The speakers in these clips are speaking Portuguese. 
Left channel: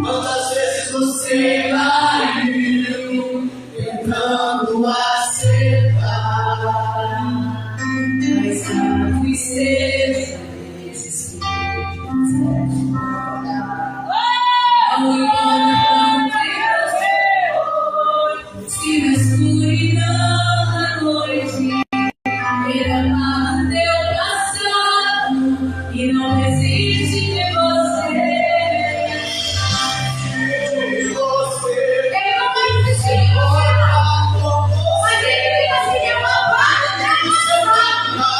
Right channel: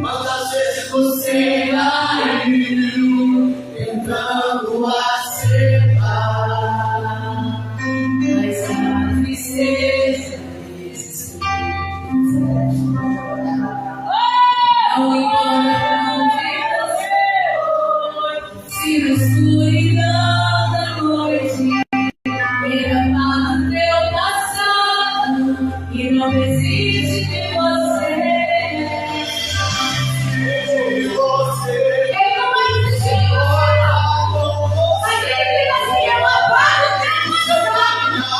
Quantas vezes você caiu tentando acertar, mas a tristeza desistiu. Não importa pra onde eu for, se na escuridão da noite ele amava teu passado e não desiste de você. Ele não vai desistir de você, não. Mas ele fica assim, eu apago o teu passado.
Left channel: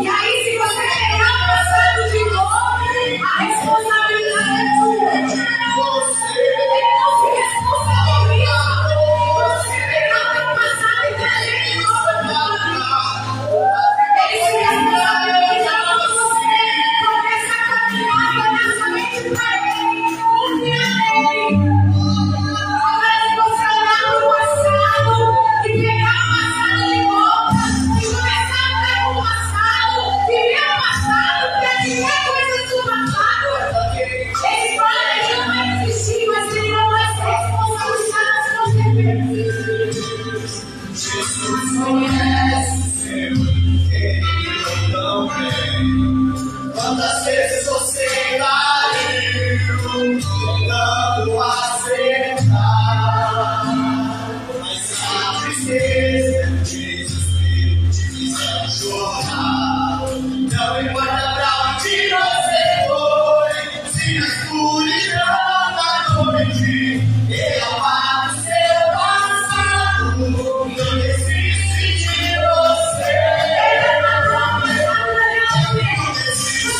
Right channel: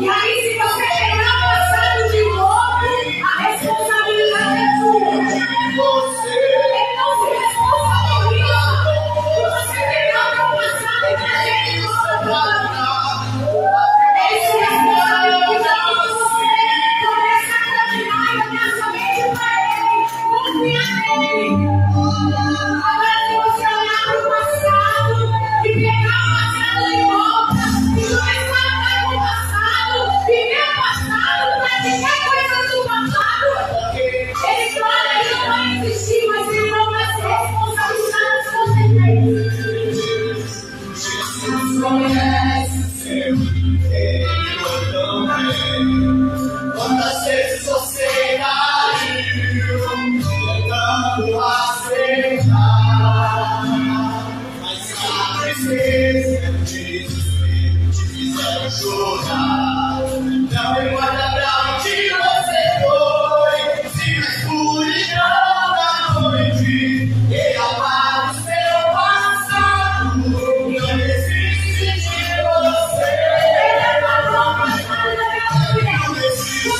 E aí, se você pegar o passado de novo, a responsabilidade é tua. Ele não se responsabiliza. Você pegar o teu passado e trazer de novo agora. Ele se responsabiliza por você. Começa a caminhar e olhar somente para ele. Confia nele. Agora, se você olhar para o passado e pegar o passado de volta e começar a andar com o passado, viver o passado, praticar coisas do passado, ele não vai desistir, mas ele não vai se responsabilizar das consequências. Jesus conhece seu interior tão bem. Quantas vezes você caiu tentando acertar, mas a tristeza e o desespero te fizeram chorar. Não importa pra onde você foi, se na escuridão da noite ele apaga o seu passado e não desiste de você. Ele apagou o passado da minha vida. Não desiste de você.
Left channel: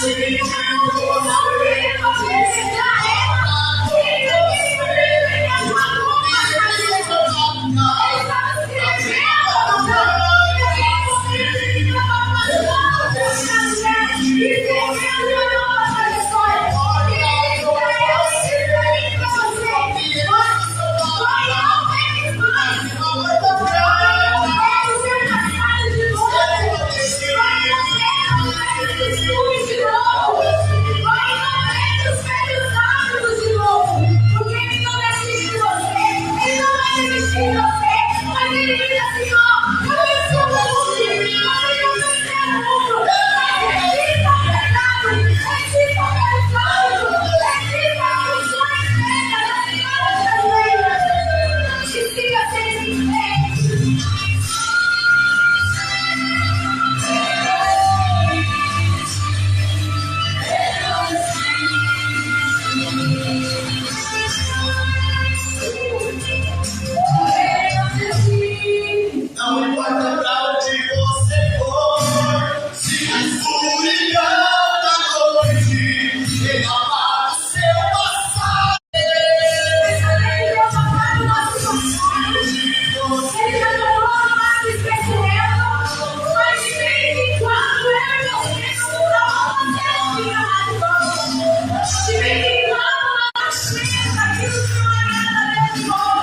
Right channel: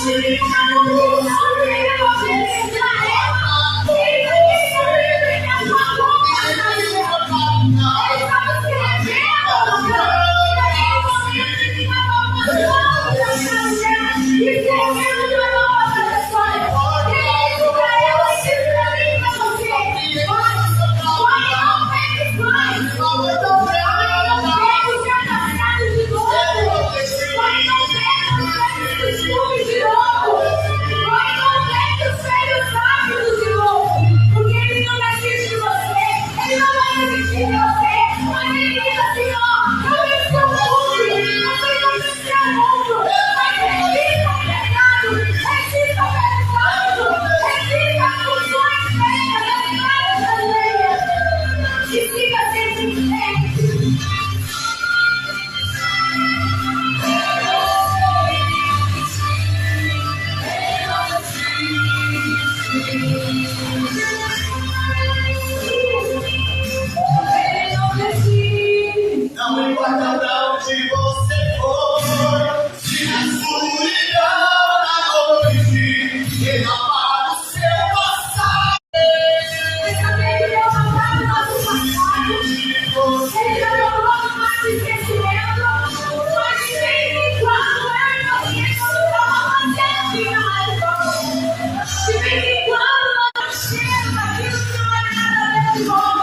Não importa pra onde você for, se na escuridão da noite ele apaga o seu passado. Ele já derrubou o nosso passado. Ele já derrubou o nosso esquecimento. Mas de vez em quando eu e você estamos fazendo mais bom. De vez em quando nós chegamos aquilo que não é nada de bom,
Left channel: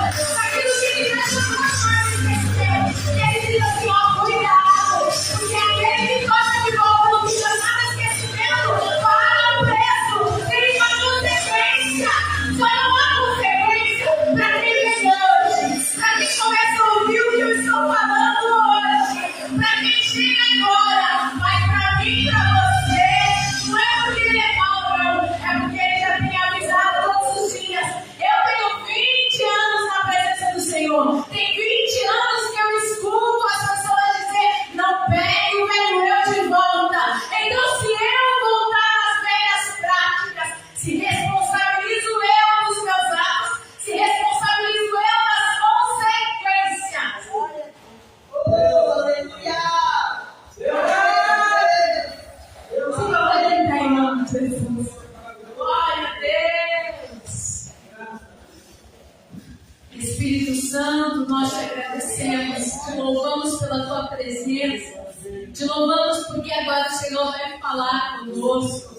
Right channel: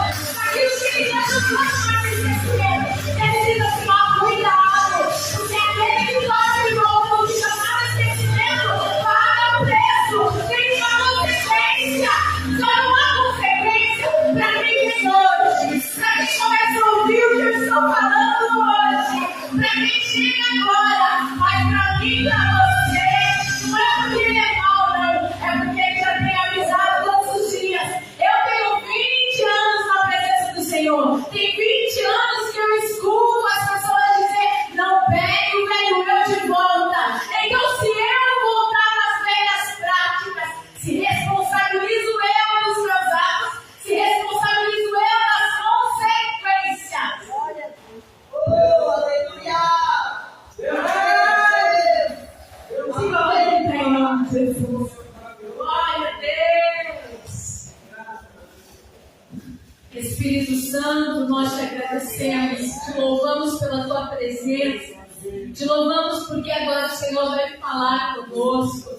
aquilo que me deixa mais esquecer. Ele diz assim, ó, cuidado, porque aquele que gosta de bom não fica nada esquecimento, paga o preço, tem uma consequência. Só não há consequência para quem vem hoje, para quem começa a ouvir o que eu estou falando hoje, para quem chega agora, mas para mim e para você, não é porque ele é mau, não, é porque ele já tem avisado todos os dias. Eu tenho 20 anos na presença do Senhor, tem 20 anos que eu escuto as pessoas dizer, não pegue o velho eu de volta. Então, se eu voltar nas velhas práticas, se responsabilizo eu dos meus atos, se responsabilizo eu das consequências. Aleluia! Siga ele em pé, em nome de Jesus. Glória a Deus! Espírito Santo, nós te agradecemos, te louvamos pela tua presença, te louvamos porque agora o Senhor vai falar conosco.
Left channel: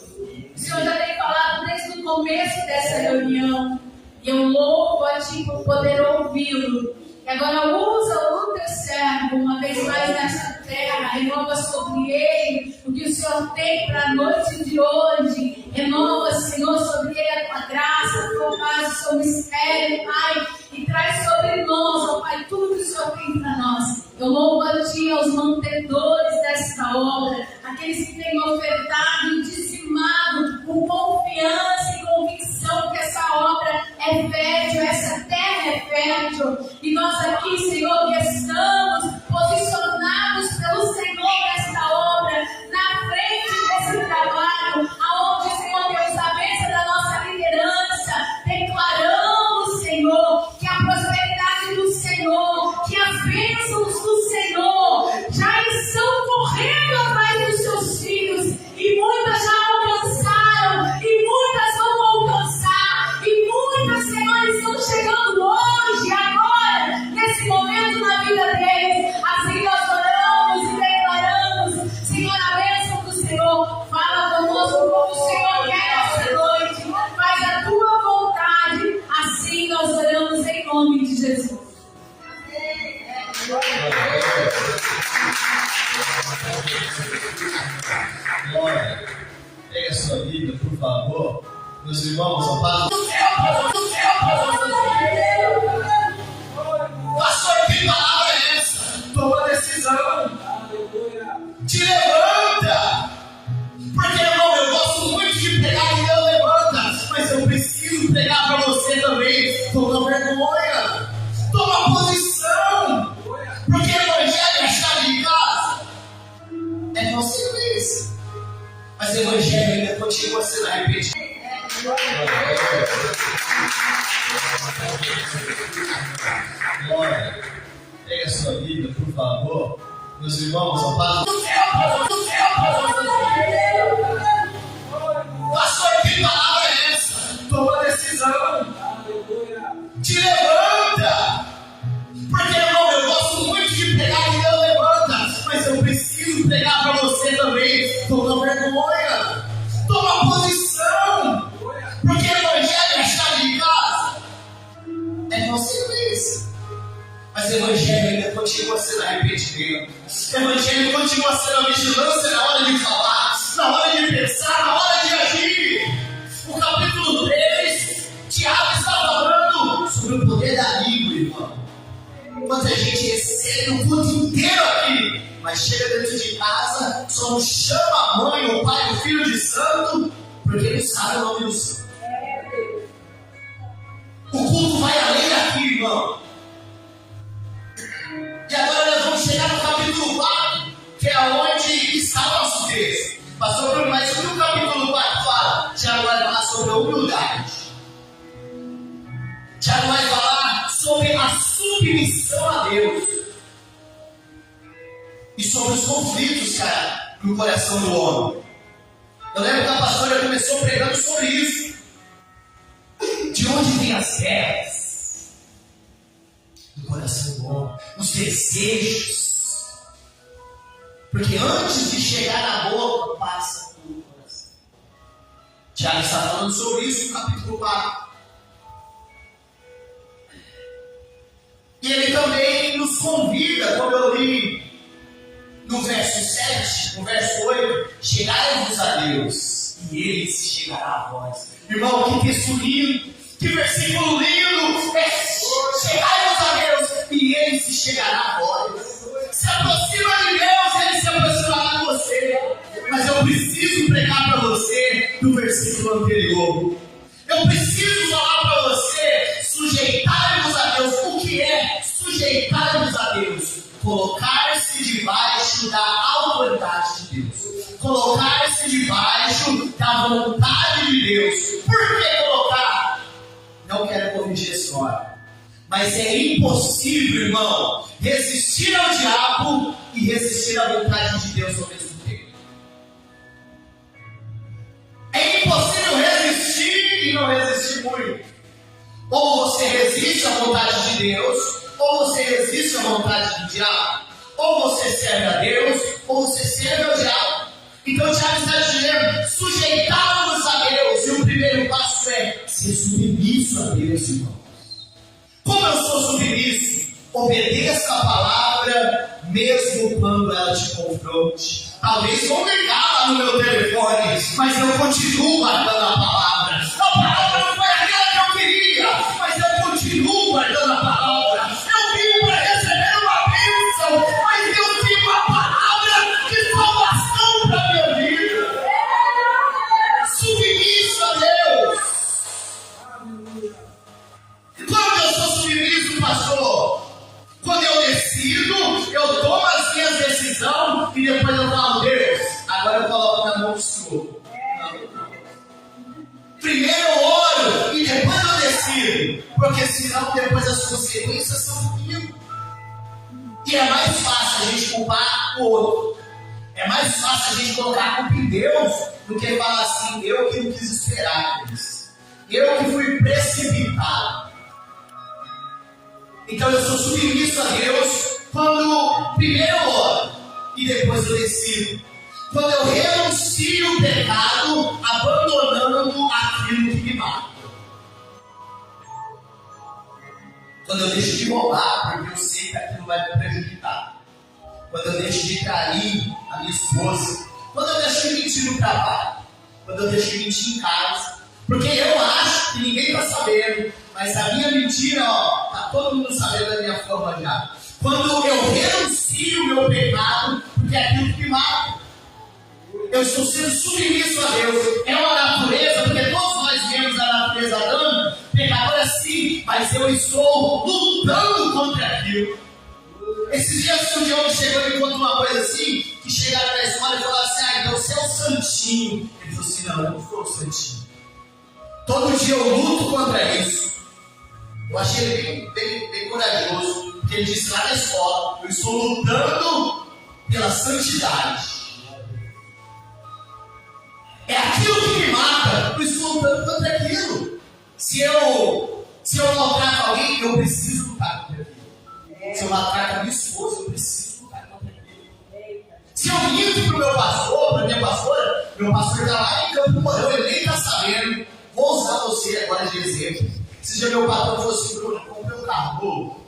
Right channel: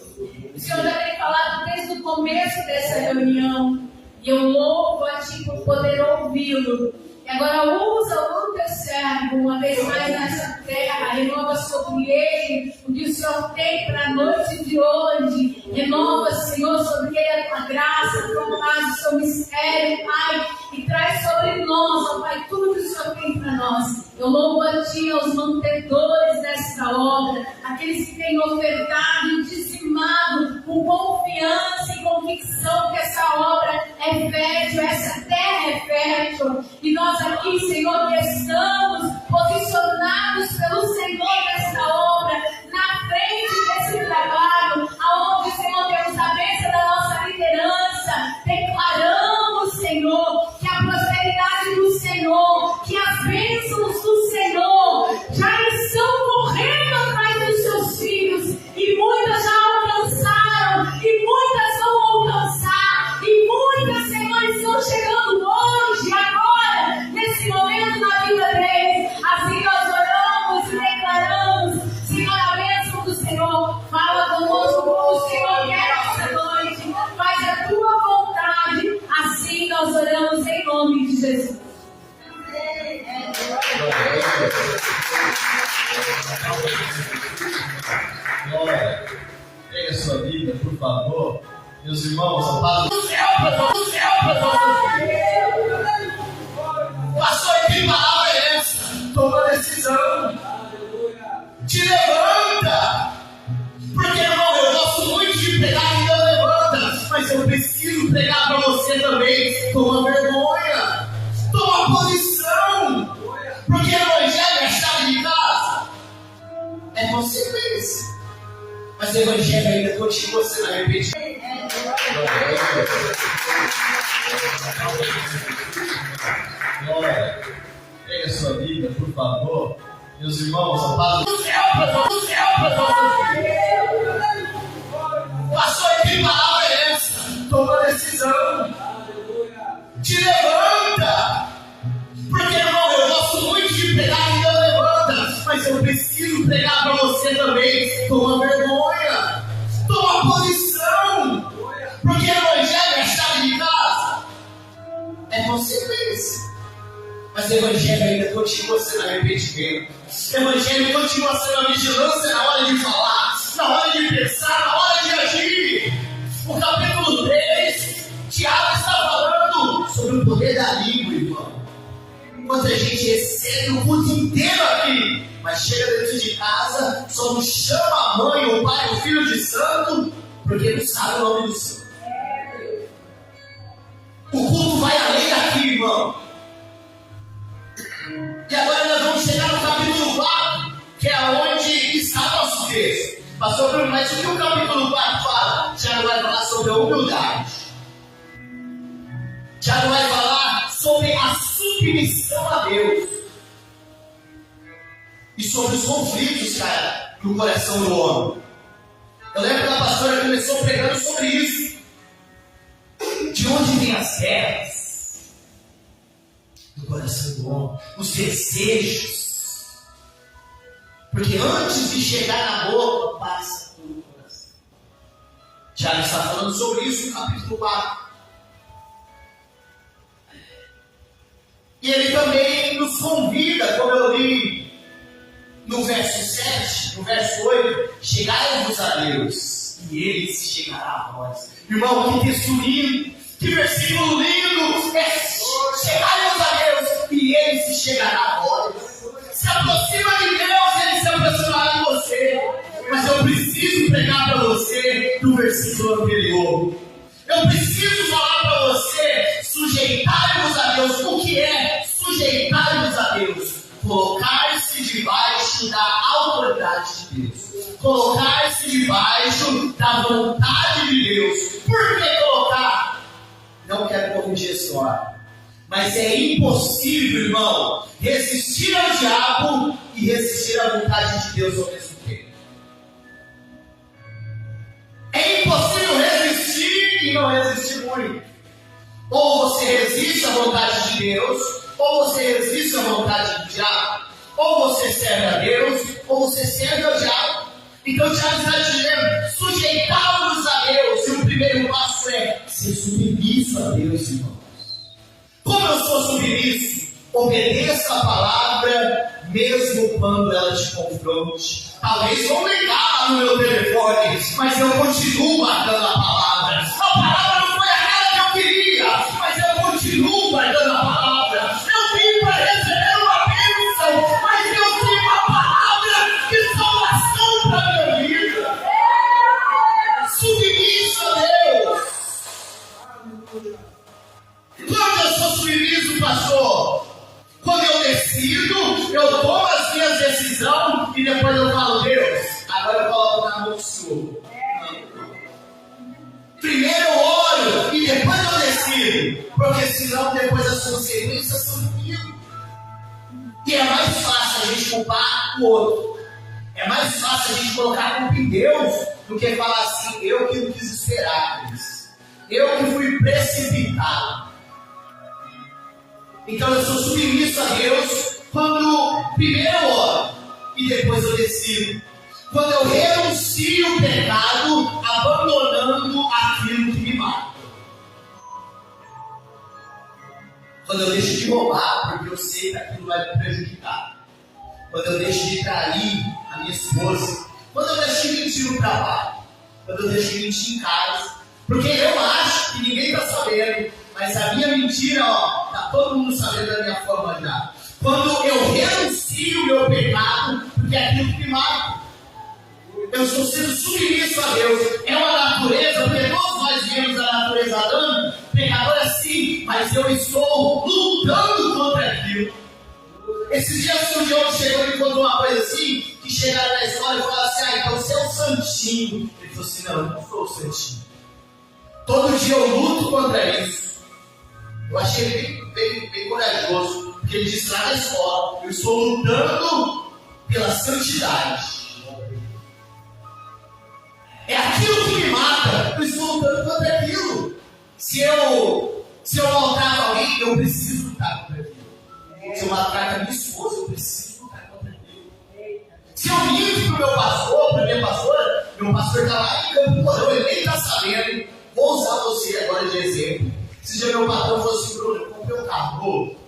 O Senhor já tem falado desde o começo dessa reunião e eu louvo a Ti por poder ouvi-lo. E agora usa o teu servo uma vez mais nessa renova sobre ele o que o Senhor tem para a noite de hoje. Renova, Senhor, sobre ele a tua graça, a tua paz, o seu mistério, Pai, e traz sobre nós, ó Pai, tudo que o Senhor tem para nós. Eu louvo a Ti, aos mantedores desta obra, aqueles que têm ofertado e dizimado com confiança e convicção que essa obra é fértil, essa terra é fértil. E nós aqui, Senhor, que estamos posicionados pelo Senhor nesta obra, na frente desse trabalho, aonde, Senhor, temos a bênção da nossa liderança, declaramos, Senhor, que a prosperidade do Senhor, que as bênçãos do Senhor já estão correndo atrás dos seus filhos, e muitas já alcançaram, e muitas vão alcançar, e muitas, Senhor, estão chegando hoje, agora, nesse momento na vida deles. Assim nós oramos e declaramos, Senhor, a bênção do Senhor. Fala conosco como o Senhor quer essa noite, faz a tua vontade. Assim nós oramos em nome de Jesus. Glória. Pegue a sua Bíblia, por favor. Meus irmãos, a paz do céu, pastor, que palavra é essa? Toma decisão. Te levanta. Porque, irmão, eu gosto muito de pregar e eu levanta. Mas eu preciso pregar para você também. Toma vergonha. Toma posição. Porque o evangelho é chave de casa. É consequência. Mas o evangelho ainda continua sendo repetido. Glória. Pegue a sua Bíblia, por favor. Meus irmãos, a paz do céu, pastor, que palavra é essa? Toma decisão. Te levanta. Porque, irmão, eu gosto muito de pregar e eu levanta. Mas eu preciso pregar para você também. Toma vergonha. Toma posição. Porque o evangelho é chave de casa. É consequência. Mas o evangelho ainda continua sendo arrependimento. O evangelho continua sendo a vigilância na hora de falar, na hora de pensar, na hora de agir. O capítulo 3, Tiago está falando sobre o poder da língua, irmão. Quanta gente recebe o culto inteiro aqui, mas chega dentro de casa, só não chama a mãe, o pai, o filho de santo, porque não sabe o nome do Senhor. O culto vai além daqui, irmão. E agora nós vamos chegar no capítulo 4, que é onde está o nosso texto. Pastor Bruno, mas o que o capítulo 4 fala? Tiago vai falar sobre a humildade. Tiago vai falar sobre a submissão a Deus. E sobre os conflitos, cara, no coração do homem. Eu lembro que a pastora começou pregando sobre isso. De onde vem as guerras? Do coração do homem. Os desejos. Porque antes de chegar na boca, passa pelo coração. Tiago está falando sobre isso no capítulo 4. E ele também nos convida, como eu li no verso 7, no verso 8, chegai-vos a Deus, e Ele se chegará a vós. Irmão, que texto lindo, que versículo lindo, chegai-vos a Deus, e Ele se chegará a vós. Se aproxima de Deus, Ele se aproximará de você. Mas eu preciso pregar para você do versículo anterior. Eu preciso falar para você, sujeitar-vos a Deus. O que é sujeitar-vos a Deus? Colocar-se debaixo da autoridade de Deus. Colocar-se debaixo da vontade de Deus. Por que colocar? Não quero corrigir a história. Mas é impossível, irmão, resistir ao diabo e resistir à vontade de Deus ao mesmo tempo. É impossível resistir e não resistir muito. Ou você resiste à vontade de Deus, ou você resiste à vontade do diabo. Ou você serve a Deus, ou você serve ao diabo. Então o Tiago está dizendo, sujeitar-vos a Deus. E o primeiro passo é ser submisso a Deus, irmão. Como eu sou submisso? Obedeça a palavra palavra, mesmo quando ela te confronte. Talvez vão ligar lá no meu telefone, mas eu continuo guardando a palavra. A palavra não foi aquela que eu queria, mas eu continuo guardando a palavra. Eu vim para receber uma bênção, mas eu tenho uma palavra de salvação para a minha vida. Submisso a Deus. Quando eu sou submisso, pastor? Quando eu decido, eu tomo as minhas decisões e depois eu falo, Deus, agora eu coloco na mão do Senhor. Primeiro eu oro e depois eu decido, porque senão depois as consequências são comigo. E é mais fácil a gente culpar o outro. É mais fácil a gente colocar a culpa em Deus do que falar assim, eu que não quis esperar por isso. Eu que fui precipitado. Então eu sou submisso a Deus quando primeiro eu oro e depois eu decido. Quando eu renuncio o pecado, abandonando aquilo que me mata. Quando eu deixo de roubar, porque eu sei que aquilo vai me prejudicar. Quando eu deixo de trair a minha esposa. Quando eu deixo de mentir no trabalho. Quando eu deixo de mentir em casa. Porque eu acho que ninguém está sabendo. Mas a minha mentira, está todo mundo sabendo da minha forma já. Quando eu renuncio o meu pecado, porque é aquilo que me mata. Eu estou sendo submisso a Deus. É uma natureza, porque todos nós viemos da natureza Adão, pecadora sim, mas eu estou lutando contra aquilo. Esses dias o Diogo chegou e me contou uma coisa assim, que chegaram na escola e falaram assim, então você é o santinho. Ele falou assim, não, eu não sou o santinho. Todo dia eu luto contra isso. Eu achei ele bem corajoso, porque ele disse lá na escola, eu estou lutando pela santidade. É aquilo que me mata, eu estou lutando contra aquilo. Se eu maltrato alguém, eu preciso lutar contra aquilo. Se eu maltrato a minha esposa, eu preciso lutar contra aquilo. Se eu minto para o meu pastor, para a minha pastora, meu pastor está lá em Campo Mourão, ele nem está sabendo. Vou usar você agora de exemplo. Esse dia meu patrão falou assim, Bruno, eu comprei um carro novo.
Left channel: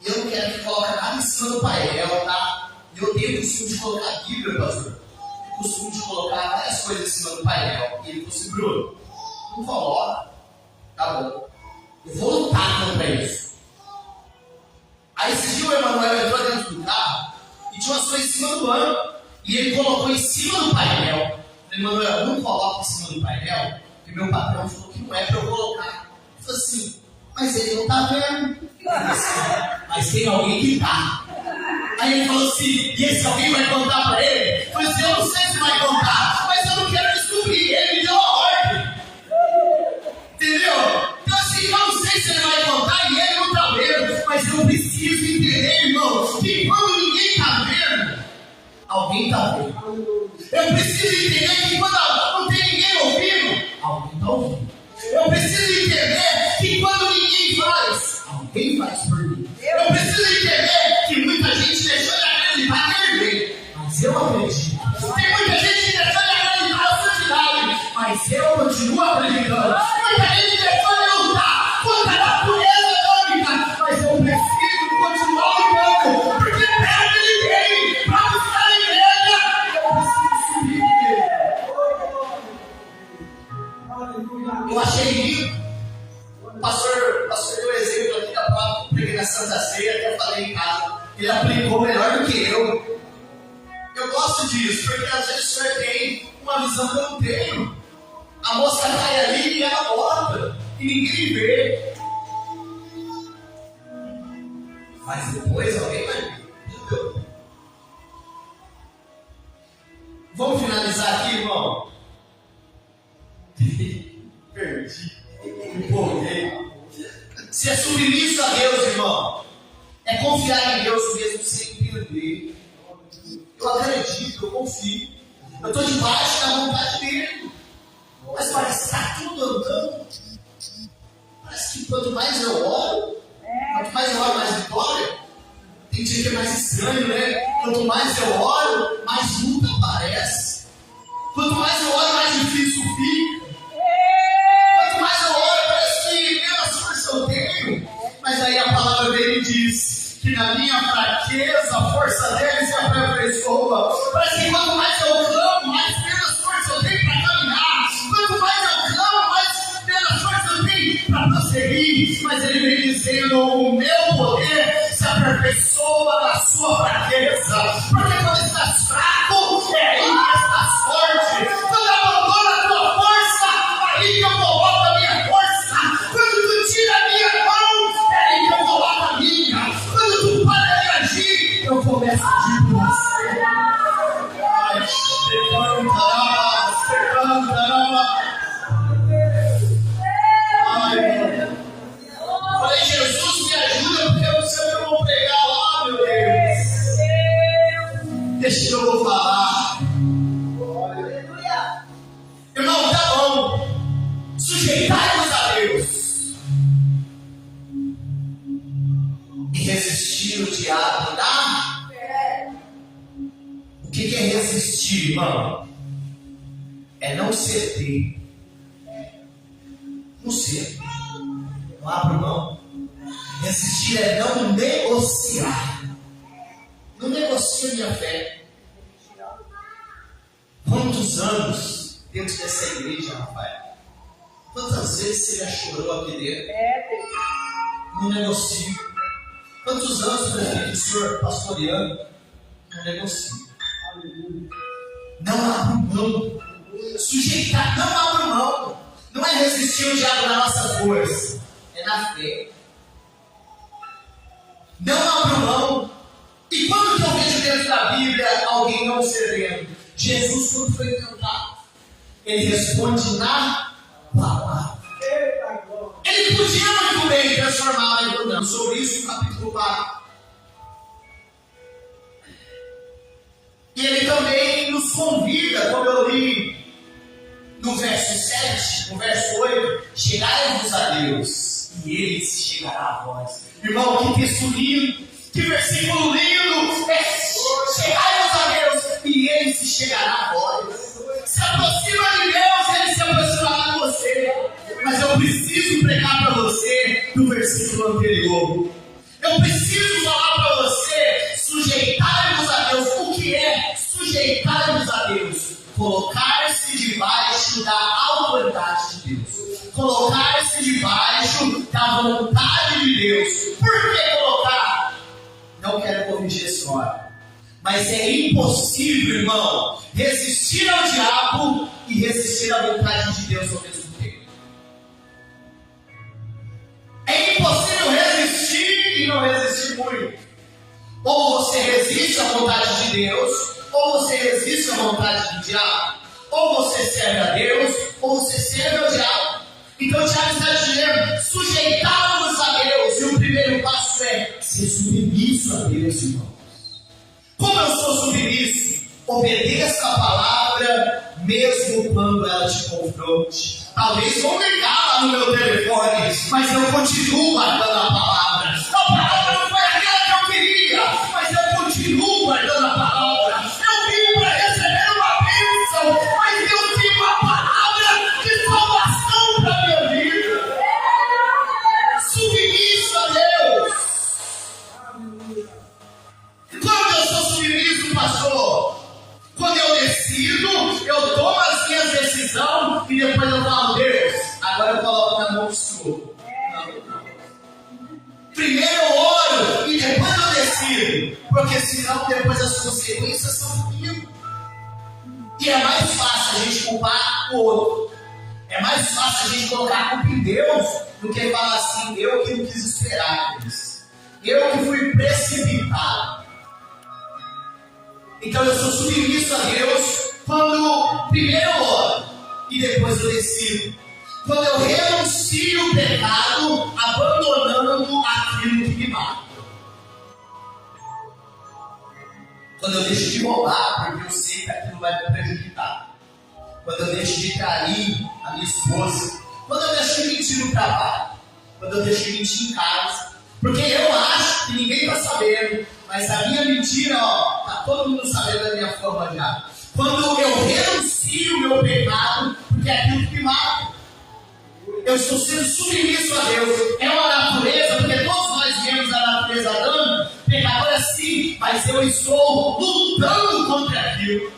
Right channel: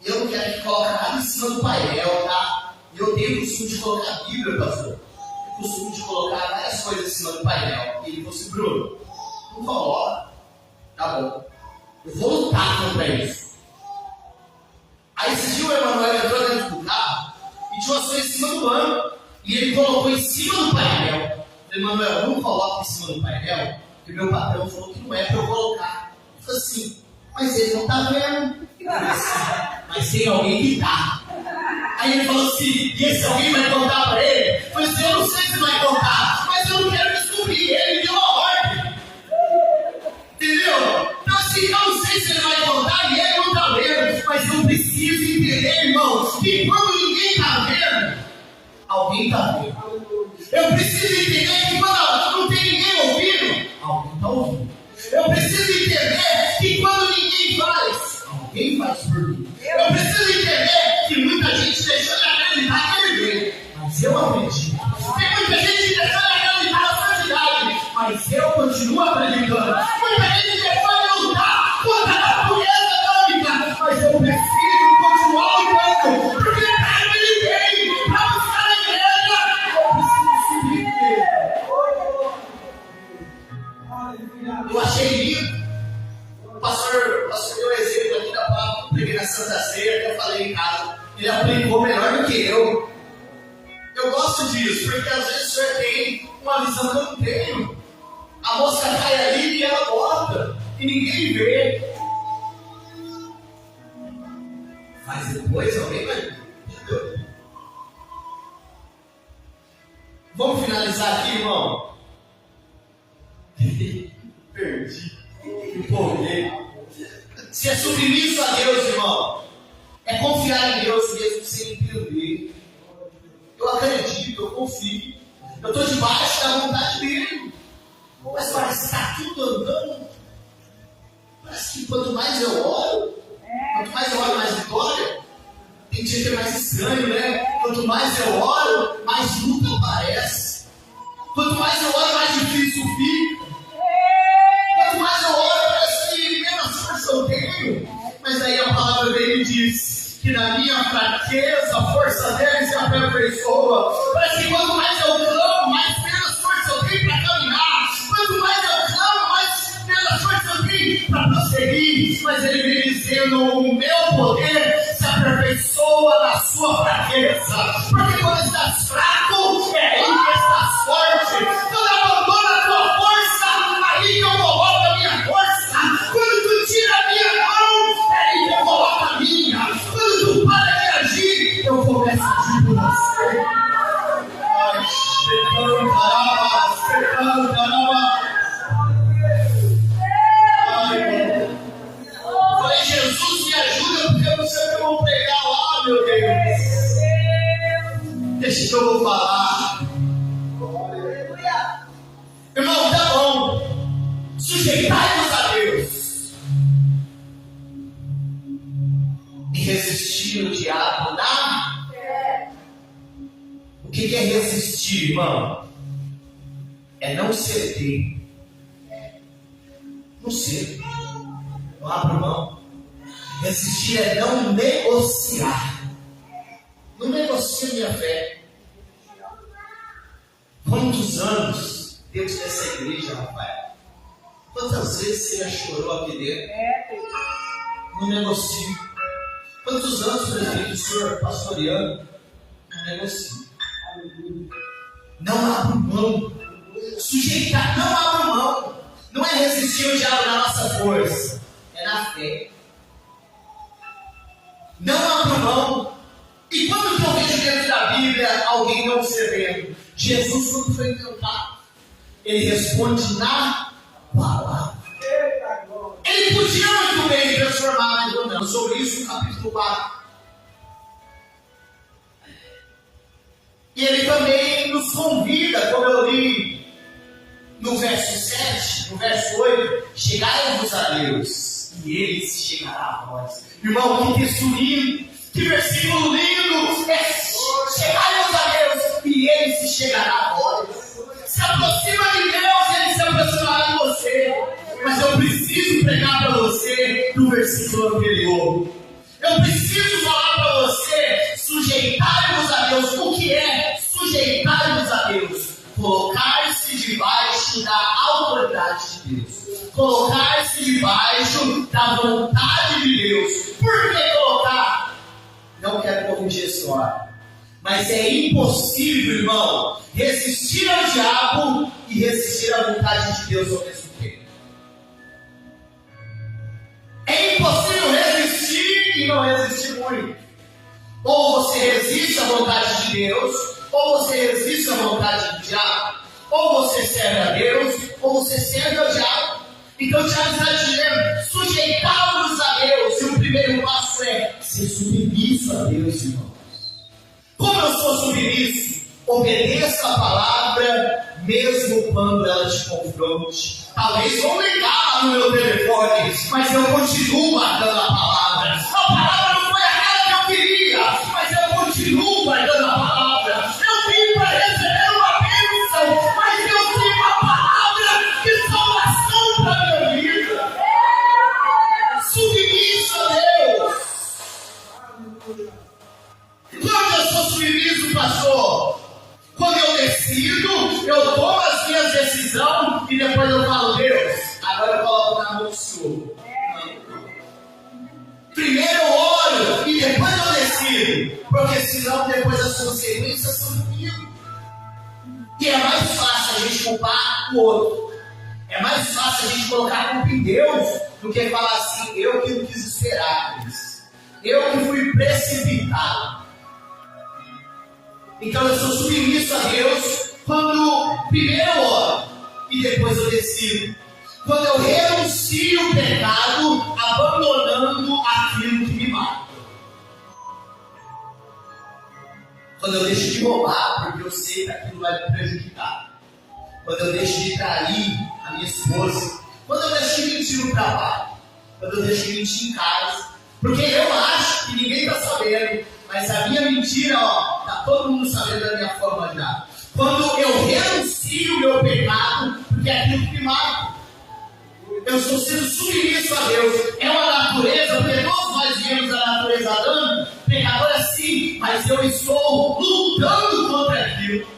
E eu não quero que coloque nada em cima do painel, tá? E eu tenho o costume de colocar a Bíblia, pastor. Eu costume de colocar várias coisas em cima do painel. E ele falou assim, Bruno, não coloca. Tá bom. Eu vou lutar contra isso. Aí esse dia o Emanuel entrou dentro do carro e tinha umas coisas em cima do banco. E ele colocou em cima do painel. Emanuel, não coloca em cima do painel, porque meu patrão falou que não é para eu colocar. Eu falei assim, mas ele não está vendo. Mas tem alguém que está. Aí ele falou assim, e esse alguém vai contar para ele? Eu falei assim, eu não sei se vai contar, mas eu não quero descobrir. Ele me deu a ordem. Entendeu? Então assim, eu não sei se ele vai contar e ele não está vendo. Mas eu preciso entender, irmão, que quando ninguém está vendo, alguém está vendo. Eu preciso entender que quando não tem ninguém ouvindo, alguém está ouvindo. Eu preciso entender que quando ninguém faz, alguém faz por mim. Eu preciso entender que muita gente deixou de acreditar que ele veio, mas eu acredito. Tem muita gente que deixou de acreditar na santidade, mas eu continuo acreditando. Muita gente deixou de lutar contra a natureza atômica, mas eu preciso continuar lutando, porque perto de ninguém, para buscar a igreja, eu preciso subir dele. Eu achei lindo. O pastor deu um exemplo aqui da palavra, preguei na Santa Ceia, que eu falei em casa. Ele aplicou melhor do que eu. Eu gosto disso, porque às vezes o senhor tem uma visão que eu não tenho. A moça cai ali e ela bota, e ninguém vê. Mas depois alguém vai ver. Entendeu? Vamos finalizar aqui, irmão? Perdi. Empolguei. Se é submisso a Deus, irmão, é confiar em Deus mesmo sem entender. Eu acredito, eu confio. Eu estou debaixo da vontade dele. Mas parece que está tudo andando. Parece que quanto mais eu oro, mais vitória. Tem dia que é mais estranho, né? Quanto mais eu oro, mais luta aparece. Quanto mais eu oro, mais difícil fica. Quanto mais eu oro, parece que menos força eu tenho. Mas aí a palavra dele diz que na minha fraqueza fraqueza, a força dele se aperfeiçoa. Parece que quanto mais eu clamo, mais menos força eu tenho para caminhar. Quanto mais eu clamo, mais menos força eu tenho para prosseguir. Mas ele vem dizendo: o meu poder se aperfeiçoa na sua fraqueza. Porque quando estás fraco, é aí que estás forte. Quando abandona a tua força, aí que eu coloco a minha força. Quando tu tira a minha mão, é aí que eu coloco a minha. Quando tu para de agir, eu começo a agir por você. Ai, se cantará. Ai, falei: Jesus, me ajuda, porque eu não sei o que eu vou pregar lá, meu Deus. Deixa que eu vou falar. Irmão, tá bom. Sujeitai-vos a Deus e resistir o diabo, tá? O que é resistir, irmão? É não ceder. Não ceder. Não abra mão. Resistir é não negociar. Não negocia minha fé. Quantos anos dentro dessa igreja, Rafael? Quantas vezes você já chorou aqui dentro? Não negocio. Quantos anos, prefeito, o senhor pastoreando? Não negocio. Não abro mão. Sujeitar, não abro mão. Não é resistir o diabo na nossa força, é na fé. Não abro mão. E quando que eu vejo dentro da Bíblia alguém não cedendo? Jesus, quando foi tentado, ele responde na palavra. Ele podia muito bem transformar, mas não. Sobre isso, no capítulo 4. E ele também nos convida, como eu li no verso 7, no verso 8: chegai-vos a Deus, e ele se chegará a vós. Irmão, que texto lindo, que versículo lindo! Chegai-vos a Deus, e ele se chegará a vós. Se aproxima de Deus, ele se aproximará de você. Mas eu preciso pregar para você do versículo anterior. Eu preciso falar para você: sujeitai-vos a Deus. O que é sujeitai-vos a Deus? Colocar-se debaixo da autoridade de Deus. Colocar-se debaixo da vontade de Deus. Por que colocar? Não quero corrigir a história, mas é impossível, irmão, resistir ao diabo e resistir à vontade de Deus ao mesmo tempo. É impossível resistir e não resistir muito. Ou você resiste à vontade de Deus, ou você resiste à vontade do diabo. Ou você serve a Deus, ou você serve ao diabo. Então o Tiago está dizendo: sujeitai-vos a Deus. E o primeiro passo é ser submisso a Deus, irmãos. Como eu sou submisso? Obedeça a palavra, mesmo quando ela te confronte. Talvez vão ligar lá no meu telefone, mas eu continuo guardando a palavra. A palavra não foi aquela que eu queria, mas eu continuo guardando a palavra. Eu vim para receber uma bênção, mas eu tenho uma palavra de salvação para a minha vida. Submisso a Deus. Quando eu sou submisso, pastor? Quando eu decido, eu tomo as minhas decisões e depois eu falo: Deus, agora eu coloco na mão do Senhor. Primeiro eu oro e depois eu decido, porque senão depois as consequências são comigo. E é mais fácil a gente culpar o outro. É mais fácil a gente colocar a culpa em Deus do que falar assim: eu que não quis esperar por isso. Eu que fui precipitado. Então eu sou submisso a Deus quando primeiro eu oro e depois eu decido. Quando eu renuncio o pecado, abandonando aquilo que me mata. Quando eu deixo de roubar, porque eu sei que aquilo vai me prejudicar. Quando eu deixo de trair a minha esposa. Quando eu deixo de mentir no trabalho. Quando eu deixo de mentir em casa. Porque eu acho que ninguém está sabendo. Mas a minha mentira, está todo mundo sabendo da minha forma já. Quando eu renuncio o meu pecado, porque é aquilo que me mata. Eu estou sendo submisso a Deus. É uma natureza, porque todos nós viemos da natureza adâmica, pecadora sim, mas eu estou lutando contra aquilo.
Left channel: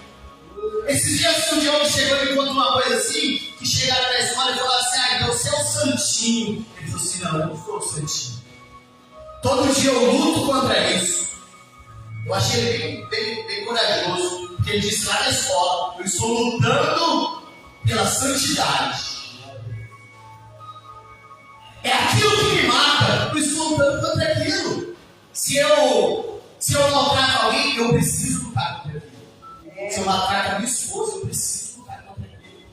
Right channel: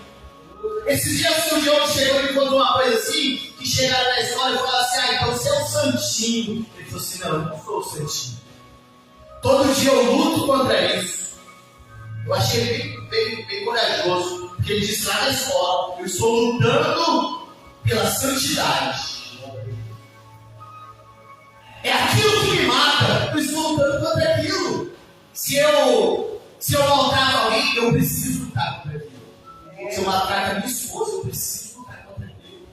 Esses dias o Diogo chegou e me contou uma coisa assim, que chegaram na escola e falaram assim, então você é o santinho. Ele falou assim, não, eu não sou o santinho. Todo dia eu luto contra isso. Eu achei ele bem corajoso, porque ele disse lá na escola, eu estou lutando pela santidade. É aquilo que me mata, eu estou lutando contra aquilo. Se eu maltrato alguém, eu preciso lutar contra aquilo. Se eu maltrato a minha esposa, eu preciso lutar contra aquilo.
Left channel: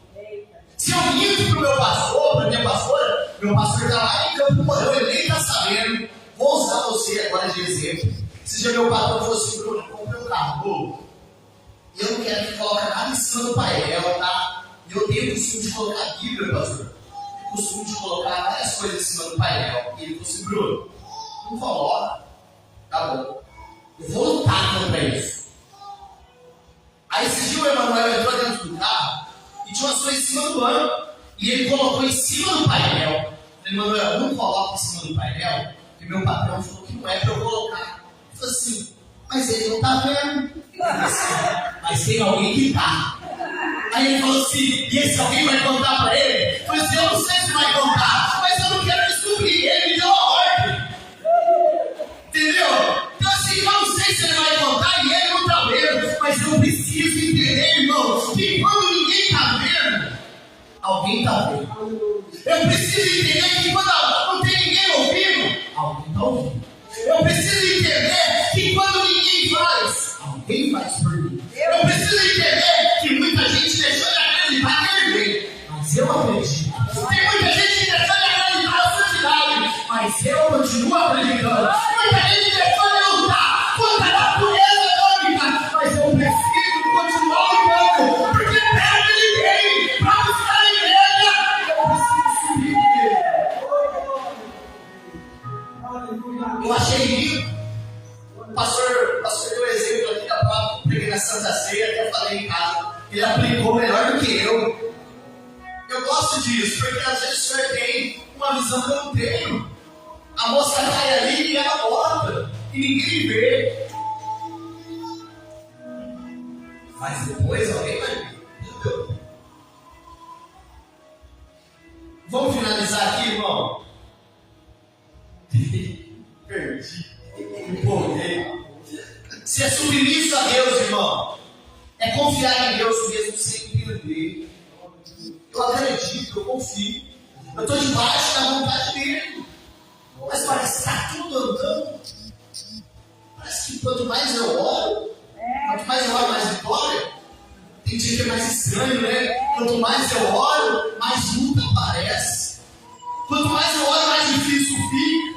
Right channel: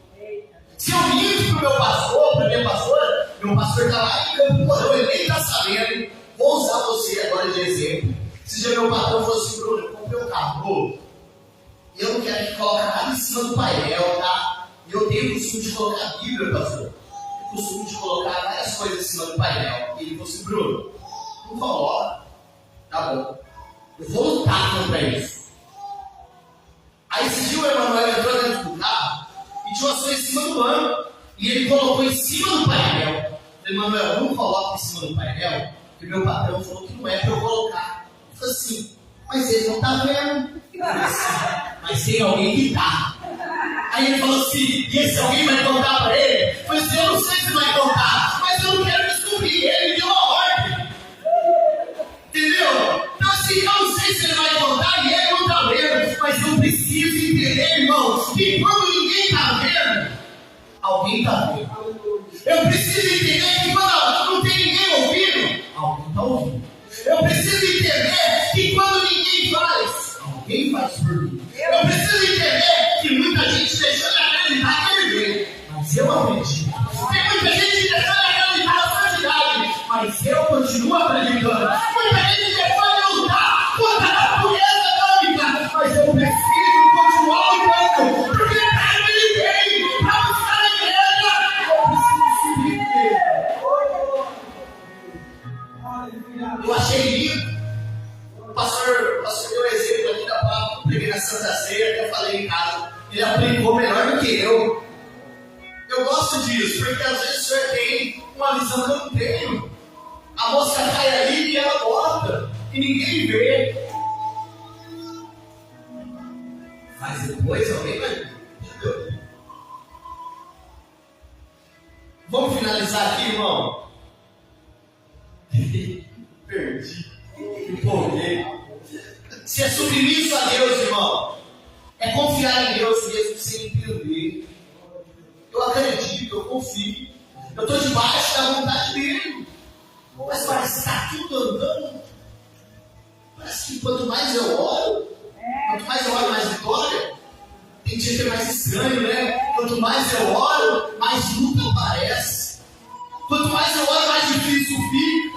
Se eu minto para o meu pastor, para a minha pastora, meu pastor está lá em Campo Mourão, ele nem está sabendo. Vou usar você agora de exemplo. Se dia meu patrão fosse Bruno, eu comprei um carro novo. E eu não quero que coloque nada em cima do painel, tá? E eu tenho o costume de colocar a Bíblia, pastor. O costume de colocar várias coisas em cima do painel. E ele falou assim, Bruno, não coloca. Tá bom. Eu vou lutar contra isso. Aí esse dia o Emanuel entrou dentro do carro e tinha umas coisas em cima do banco. E ele colocou em cima do painel. Eu falei, Emanuel, não coloca em cima do painel, porque meu patrão falou que não é para eu colocar. Eu falei assim, mas ele não tá vendo. Assim, mas tem alguém que tá. Aí ele falou assim, e esse alguém vai contar para ele? Eu falei assim, eu não sei se vai contar, mas eu não quero descobrir. Ele me deu a ordem. Entendeu? Então assim, eu não sei se ele vai contar e ele não tá vendo, mas eu preciso entender, irmão, que quando ninguém tá vendo, alguém tá vendo. Eu preciso entender que quando não tem ninguém ouvindo, alguém tá ouvindo. Eu preciso entender que quando ninguém faz, alguém faz por mim. Eu preciso entender que muita gente deixou de acreditar que ele veio, mas eu acredito. Tem muita gente que deixou de acreditar na santidade, mas eu continuo acreditando. Muita gente deixou de lutar contra a natureza atômica, mas eu preciso continuar lutando, porque perto de ninguém, para buscar a igreja, eu preciso subir. Eu achei lindo. O pastor deu um exemplo aqui da palavra, preguei na Santa Ceia, até eu falei em casa. Ele aplicou melhor do que eu. Eu gosto disso, porque às vezes o senhor tem uma visão que eu não tenho. A moça cai ali e ela bota, e ninguém vê. Mas depois alguém vai ver. Entendeu? Vamos finalizar aqui, irmão. Perdi. Me empolguei. Se é submisso a Deus, irmão, é confiar em Deus mesmo sem entender. Eu acredito, eu confio. Eu estou debaixo da vontade dele. Mas parece que está tudo andando. Parece que quanto mais eu oro, mais vitória. Tem dia que é mais estranho, né? Quanto mais eu oro, mais luta aparece. Quanto mais eu oro, mais difícil fica.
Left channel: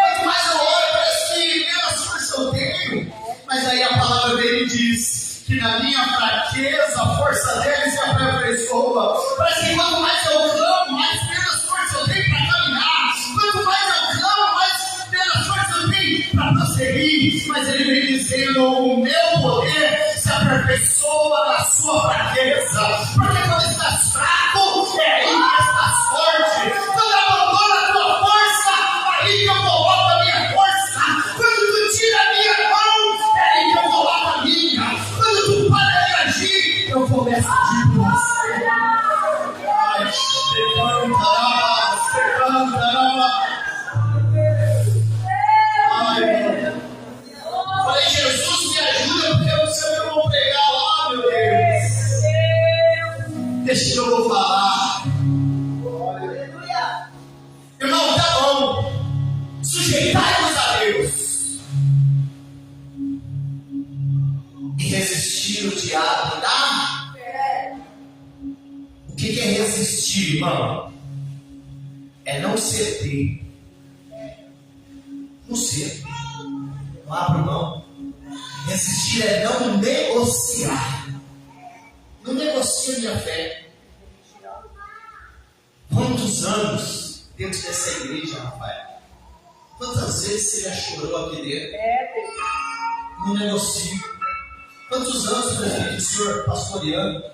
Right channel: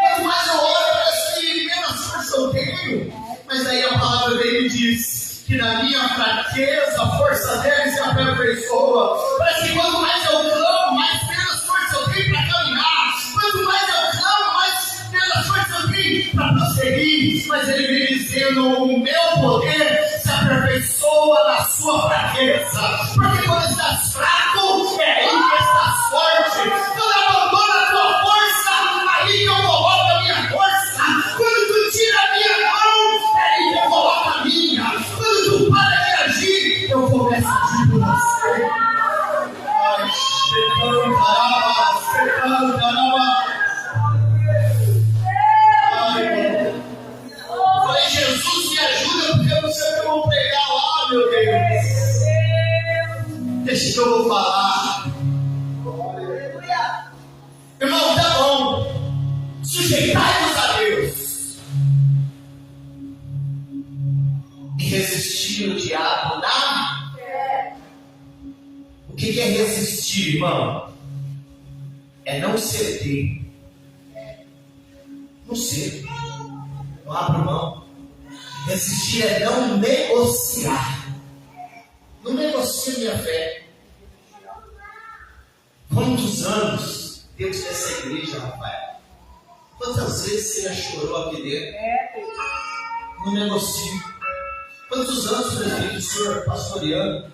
Quanto mais eu oro, parece que menos força eu tenho. Mas daí a palavra dele diz que na minha fraqueza, a força dele se aperfeiçoa. Parece que quanto mais eu clamo, mais menos força eu tenho para caminhar. Quanto mais eu clamo, mais menos força eu tenho para prosseguir. Mas ele vem dizendo, o meu poder se aperfeiçoa na sua fraqueza. Porque quando estás fraco, é aí que estás forte. Quando abandona a tua força, aí que eu coloco a minha força. Quando tu tira a minha mão, é aí que eu coloco a minha. Quando tu para de agir, eu começo a agir por você. Ai, falei, Jesus, me ajuda, porque eu não sei o que eu vou pregar lá, meu Deus. Deixa que eu vou falar. Irmão, tá bom. Sujeitai-vos a Deus. E resistir o diabo, tá? O que é resistir, irmão? É não ceder. Não ceder. Não abro mão. Resistir é não negociar. Não negocia minha fé. Quantos anos dentro dessa igreja, Rafael? Quantas vezes você já chorou aqui dentro? Não negocio. Quantos anos, meu filho, o senhor pastoreando?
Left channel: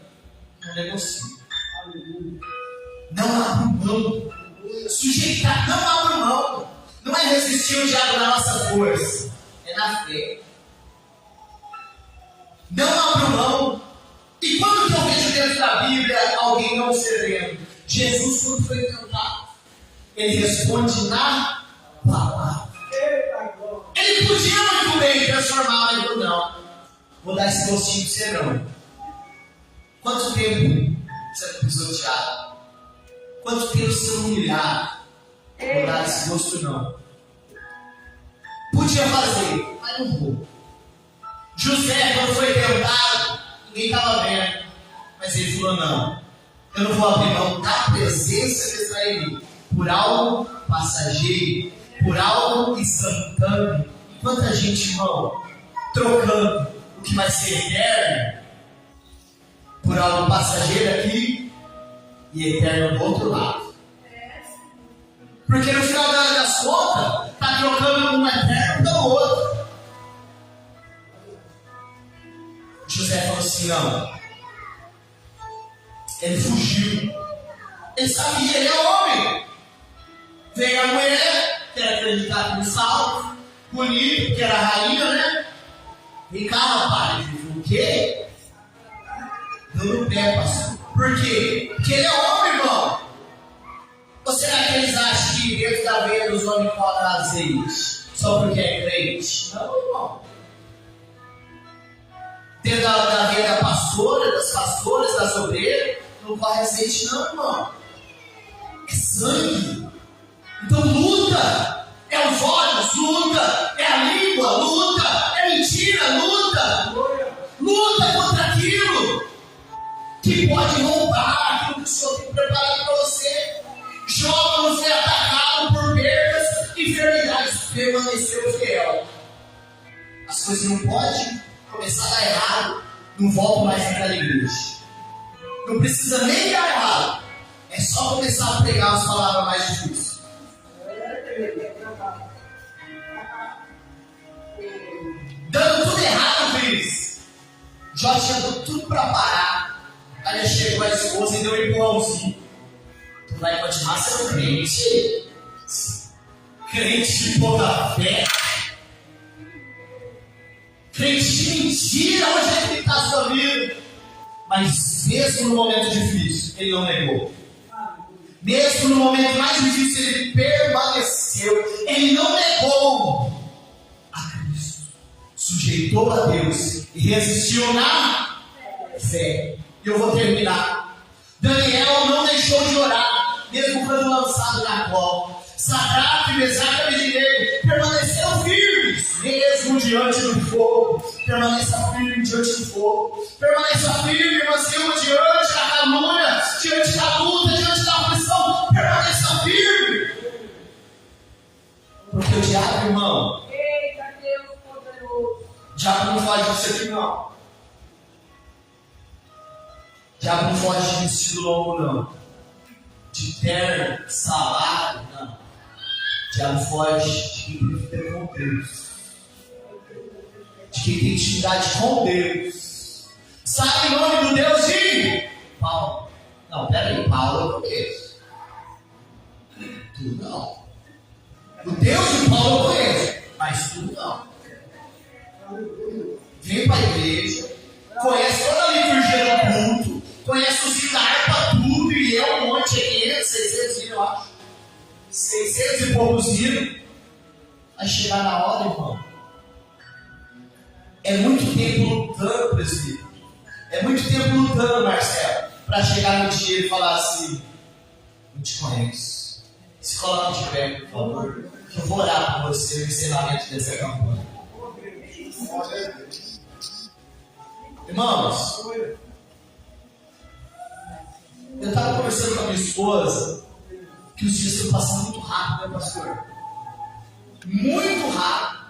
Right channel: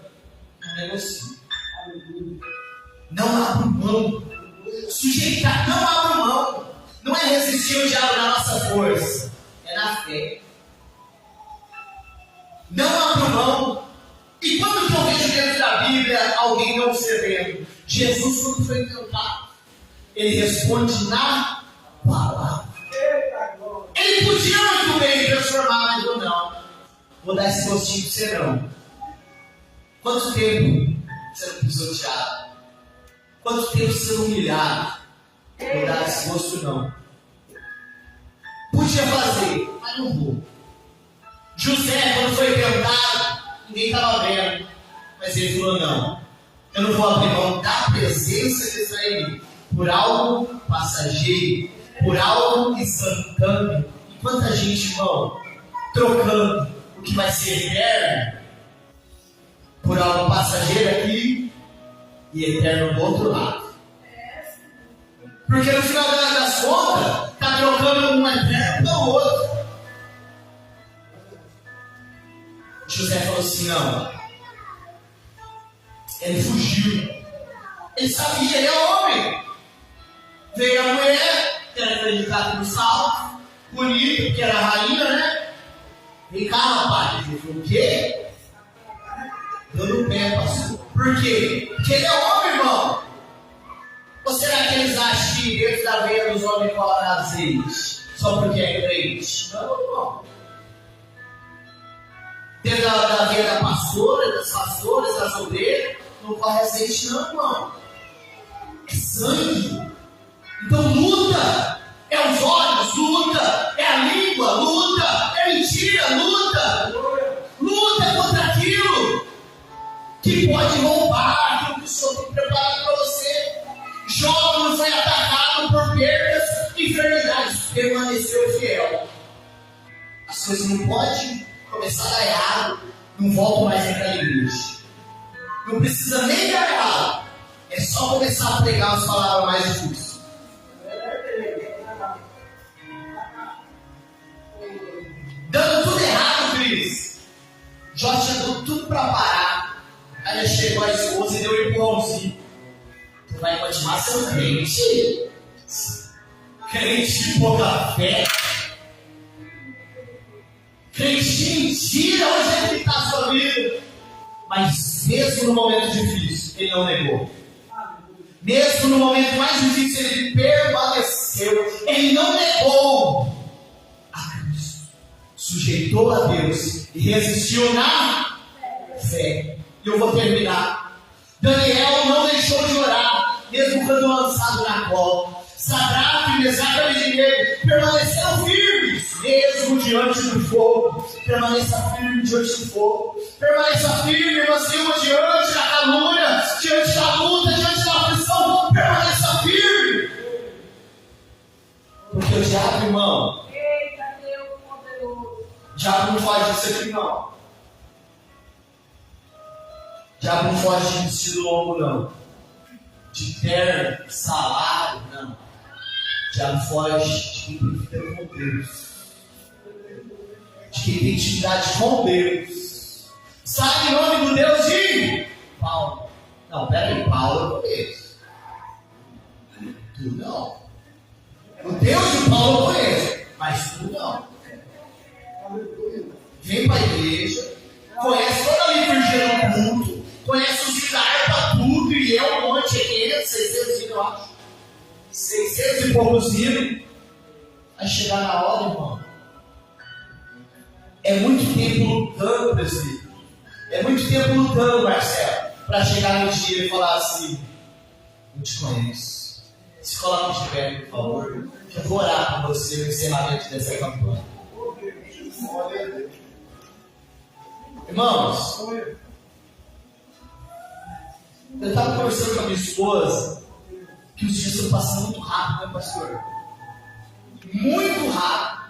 Não negocio. Não abro mão. Sujeitar, não abro mão. Não é resistir o diabo na nossa força. É na fé. Não abro mão. E quando que eu vejo dentro da Bíblia alguém não cedendo? Jesus, quando foi tentado, ele responde na palavra. Ele podia muito bem transformar, mas não. Vou dar esse gostinho pra você não. Quanto tempo você não pisoteado? Quanto tempo você não humilhado? Vou dar esse gosto não. Podia fazer, mas não vou. José, quando foi tentado, ninguém estava vendo. Mas ele falou, não. Eu não vou abrir mão da presença de Israel por algo passageiro, por algo instantâneo. E quanta gente, irmão, trocando o que vai ser eterno por algo passageiro aqui e eterno do outro lado. Porque no final das contas, está trocando um eterno pelo outro. José falou assim, não. Ele fugiu. Ele sabia, ele é homem. Veio a mulher, que era acreditada no salto, bonito, que era a rainha, né? Vem cá, rapaz. Ele falou, o quê? Dando pé, pastor. Por quê? Porque ele é homem, irmão. Ou será que eles acham que dentro da veia dos homens corre azeite? Só porque é crente? Não, irmão. Dentro da veia da pastora, das pastoras, das obreiras, não corre azeite não, irmão. É sangue. Então luta. É os olhos, luta. É a língua, luta. É mentira, luta. Luta contra aquilo que pode roubar aquilo que o Senhor tem preparado para você. Jó não foi atacado por perdas e enfermidades. Permaneceu fiel. As coisas não podem começar a dar errado. Não volto mais naquela igreja. Não precisa nem dar errado. É só começar a pregar as palavras mais difíceis. Dando tudo errado, Cris. Jó tinha dado tudo para parar. Aí chegou a esposa e deu um empurrãozinho. Tu vai continuar sendo crente? Crente de pouca fé? Crente de mentira? Onde é que está a sua vida? Mas mesmo no momento difícil, ele não negou. Mesmo no momento mais difícil, ele permaneceu. Ele não negou a Cristo. Sujeitou a Deus e resistiu na fé. E eu vou terminar. Daniel não deixou de orar, mesmo quando lançado na cova. Sadraque, Mesaque e Abednego permaneceram firmes, mesmo diante do fogo. Permaneça firme diante do fogo. Permaneça firme, irmã Silva, diante da calúnia, diante da luta, diante da aflição. Permaneça firme. Porque o diabo, irmão, Eita, Deus poderoso. o diabo não faz disso aqui, não. O diabo não foge de vestido longo, não. De terno, salário, não. O diabo foge de quem tem fé com Deus. De quem tem intimidade com Deus. Sabe o nome do Deus de Paulo? Não, peraí, Paulo eu conheço. Tu não. O Deus de Paulo eu conheço, mas tu não. Vem para a igreja, conhece toda a liturgia do culto, conhece os hinos para tudo, e é um monte, 500, 600 hinos, eu acho. 600 e poucos hinos. Vai chegar na hora, irmão. É muito tempo lutando, presbítero. É muito tempo lutando, Marcelo, para chegar no dia e falar assim: não te conheço. Se coloque de pé, por favor. Eu vou orar por você no encerramento dessa campanha. Irmãos, eu estava conversando com a minha esposa que os dias estão passando muito rápido, né, pastor? Muito rápido.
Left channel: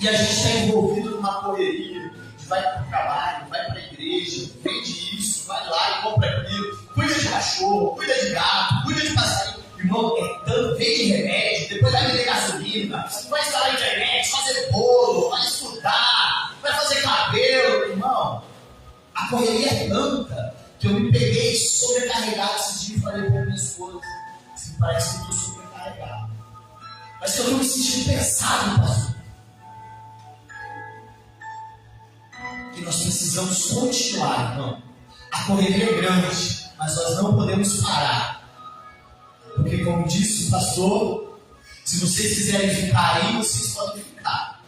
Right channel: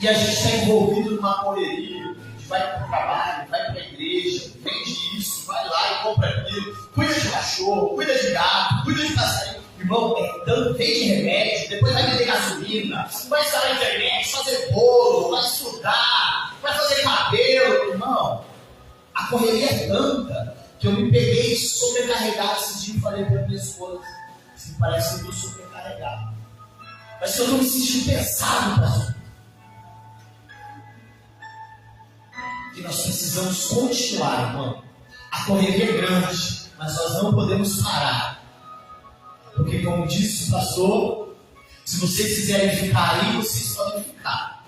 E a gente está envolvido numa correria. A gente vai para o trabalho, vai para a igreja, vende isso, vai lá e compra aquilo, cuida de cachorro, cuida de gato, cuida de passarinho. Irmão, é tanto, vende remédio, depois vai vender gasolina, vai instalar internet, fazer bolo, vai estudar, vai fazer cabelo. Irmão, a correria é tanta que eu me peguei sobrecarregado esses dias e falei para minha esposa: assim, parece que eu estou sobrecarregado. Parece que eu estou me sentindo pesado, pastor. E nós precisamos continuar, irmão. A correria é grande, mas nós não podemos parar. Porque, como disse o pastor, se vocês quiserem ficar aí, vocês podem ficar.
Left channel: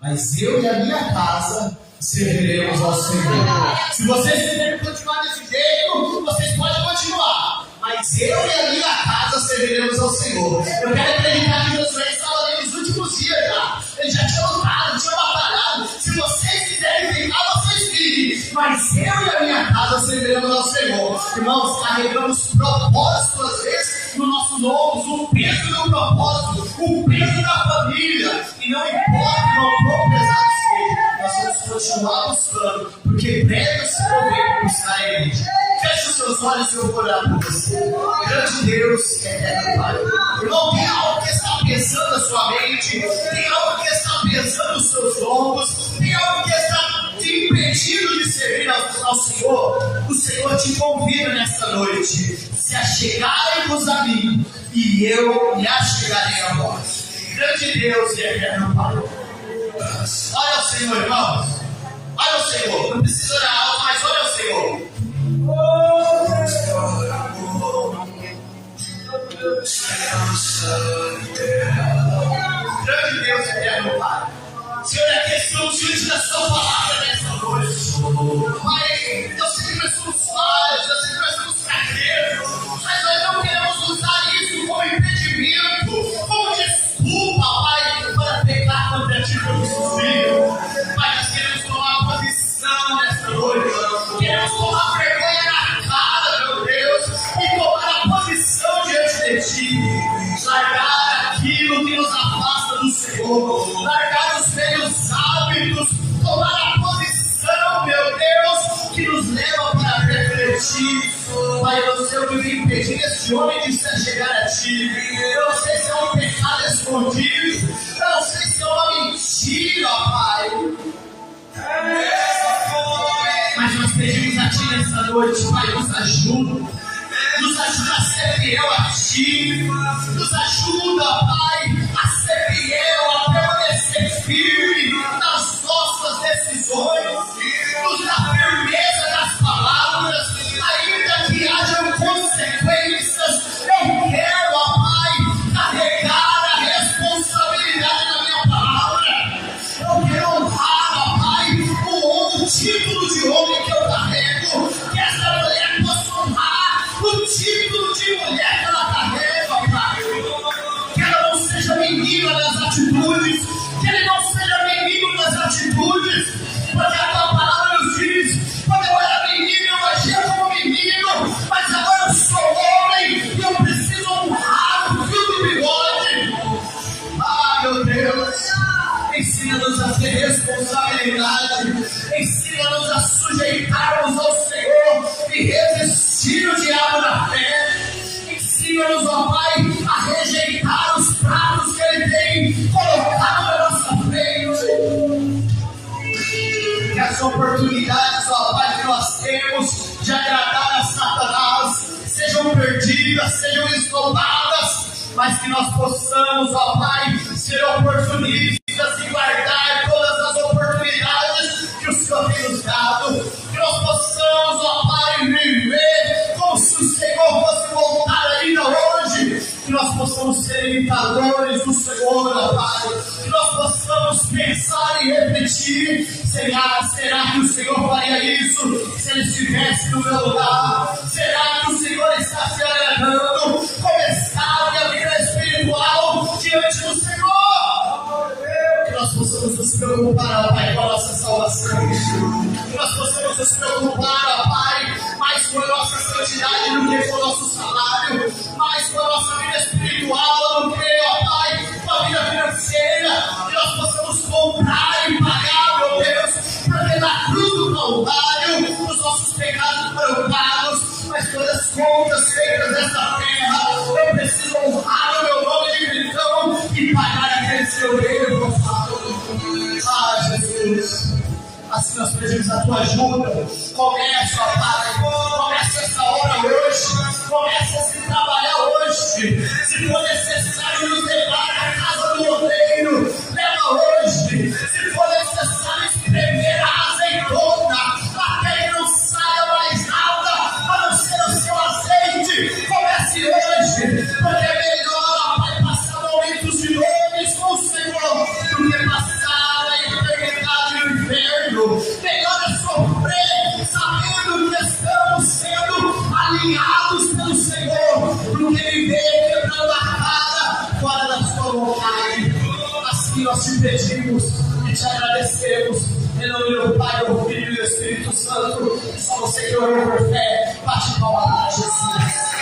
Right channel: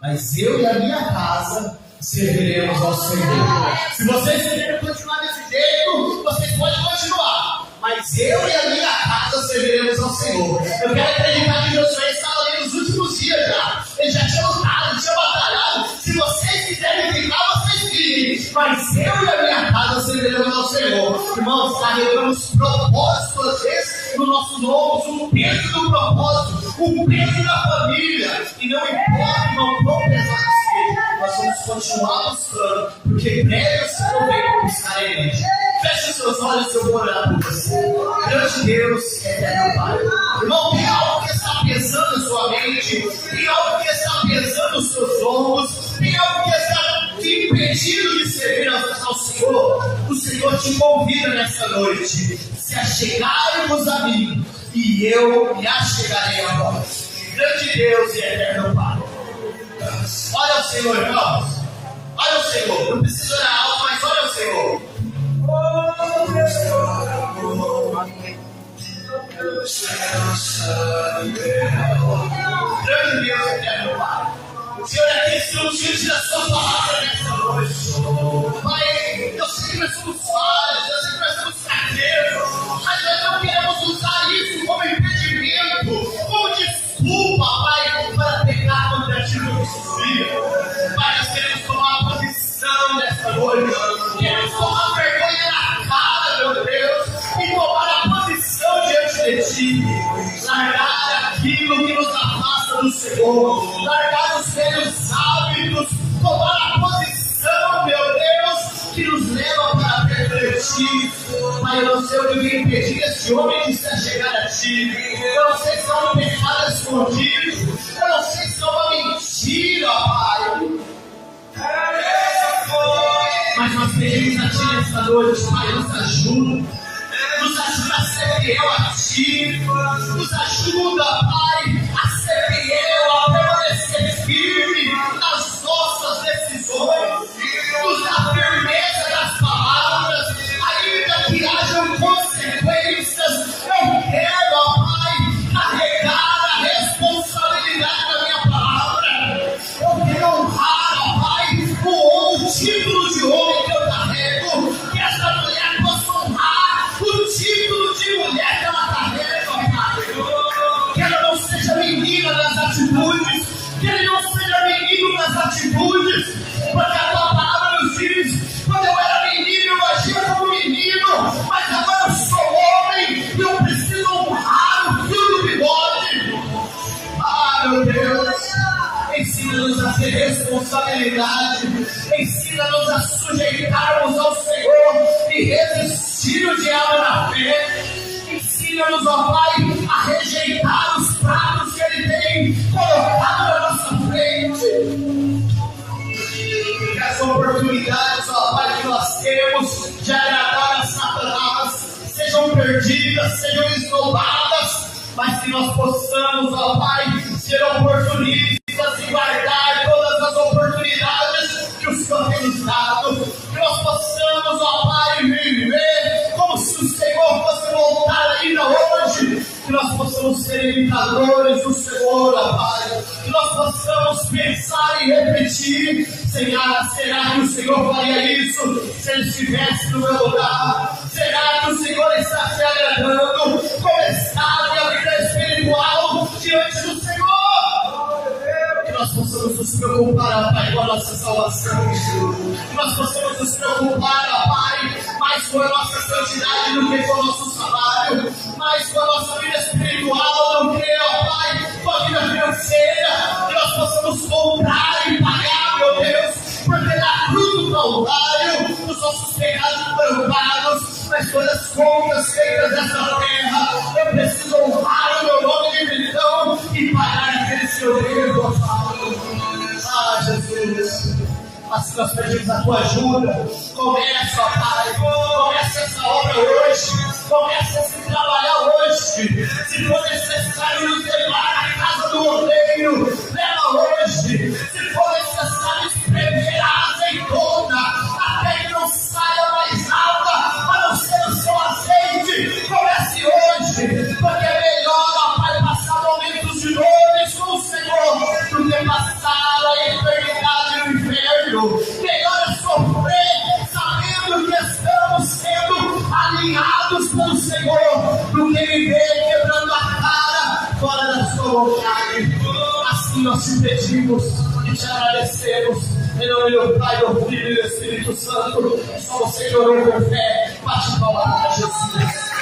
Mas eu e a minha casa serviremos ao Senhor. Se vocês quiserem continuar desse jeito, vocês podem continuar. Mas eu e a minha casa serviremos ao Senhor. Eu quero acreditar que Josué estava ali nos últimos dias já. Ele já tinha lutado, tinha batalhado. Se vocês quiserem ficar, vocês fiquem. Mas eu e a minha casa serviremos ao Senhor. Irmãos, carregamos propósito às vezes no nosso nome, o peso do propósito, o peso da família. E não importa, irmão, quão pesado seja, nós vamos continuar buscando, porque breve o Senhor vem buscar a igreja. Feche os seus olhos e eu vou orar por você. Grande Deus e eterno Pai. Irmão, tem algo que está pesando a sua mente, tem algo que está pesando os seus ombros, tem algo que está te impedindo de servir ao Senhor. O Senhor te convida nesta noite. Se achegai-vos a mim, e eu me achegarei a vós. Grande Deus e eterno Pai. Olha o Senhor, irmãos. Olha o Senhor. Não precisa orar alto, mas olha o Senhor. Grande Deus, eterno Pai. Senhor, aqui estamos diante da sua palavra nessa noite. Pai, eu sei que nós somos falhos, eu sei que nós somos carneiros, mas nós não queremos usar isso como impedimento, como desculpa, Pai, para pecar contra ti todos os dias. Pai, nós queremos tomar posição nessa noite, queremos tomar vergonha na cara, meu Deus, e tomar a posição diante de ti, largar aquilo que nos afasta do Senhor, largar os velhos hábitos, tomar a posição, meu Deus, que nos leva para refletir. Pai, eu não sei o que vem impedir esse homem de se chegar a ti. Eu não sei se é um pecado escondido, eu não sei se é uma mentira, Pai. Mas nós pedimos a ti nessa noite, Pai, nos ajuda. Nos ajuda a ser fiel a ti. Nos ajuda, Pai, a ser fiel, a permanecer firme nas nossas decisões. Nos dá firmeza das palavras, ainda que hajam consequências. Eu quero, ó Pai, carregar a responsabilidade da minha palavra. Eu quero honrar, ó Pai, o título de homem que eu carrego. Que essa mulher possa honrar o título de mulher que ela carrega, ó Pai. Que ela não seja menina nas atitudes, que ele não seja menino nas atitudes, porque a tua palavra nos diz: quando eu era menino, eu agia como menino, mas agora eu sou homem e eu preciso honrar o fio do bigode. Ah, meu Deus, ensina-nos a ter responsabilidade, ensina-nos a sujeitarmos ao Senhor e resistir o diabo na fé. Ensina-nos, ó Pai, a rejeitar os pratos que Ele tem colocado na nossa frente. Que as oportunidades, ó Pai, que nós temos de agradar a Satanás sejam perdidas, sejam esnobadas, mas que nós possamos, ó Pai, ser oportunistas e guardar todas as oportunidades que o Senhor tem nos dado. Que nós possamos, ó Pai, viver como se o Senhor fosse voltar ainda hoje. Que nós possamos ser imitadores do Senhor, ó Pai. Que nós possamos pensar e refletir: será que o Senhor faria isso se Ele estivesse no meu lugar? Será que o Senhor está se agradando? Como está a minha vida espiritual diante do Senhor? Que nós possamos nos preocupar, ó Pai, com a nossa salvação. Que nós possamos nos preocupar, ó Pai, mais com a nossa santidade do que com o nosso salário, mais com a nossa vida espiritual do que, ó Pai, com a vida financeira. Que nós possamos comprar e pagar, meu Deus, porque na cruz do Calvário os nossos pecados foram pagos, mas todas as contas feitas dessa terra, eu preciso honrar o meu nome de cristão e pagar aqueles que eu devo, ó Pai. Ah, Jesus, assim nós pedimos a tua ajuda. Começa, ó Pai, começa essa obra hoje, começa a se trabalhar hoje. Se for necessário nos levar à casa do oleiro, leva hoje. Se for necessário espremer a azeitona, Senhor. Melhor é sofrer sabendo que estamos sendo alinhados pelo Senhor do que viver quebrando a cara fora da sua vontade. Assim nós te pedimos e te agradecemos. Em nome do Pai, do Filho e do Espírito Santo. Só você que orou com fé, bate palma para Jesus.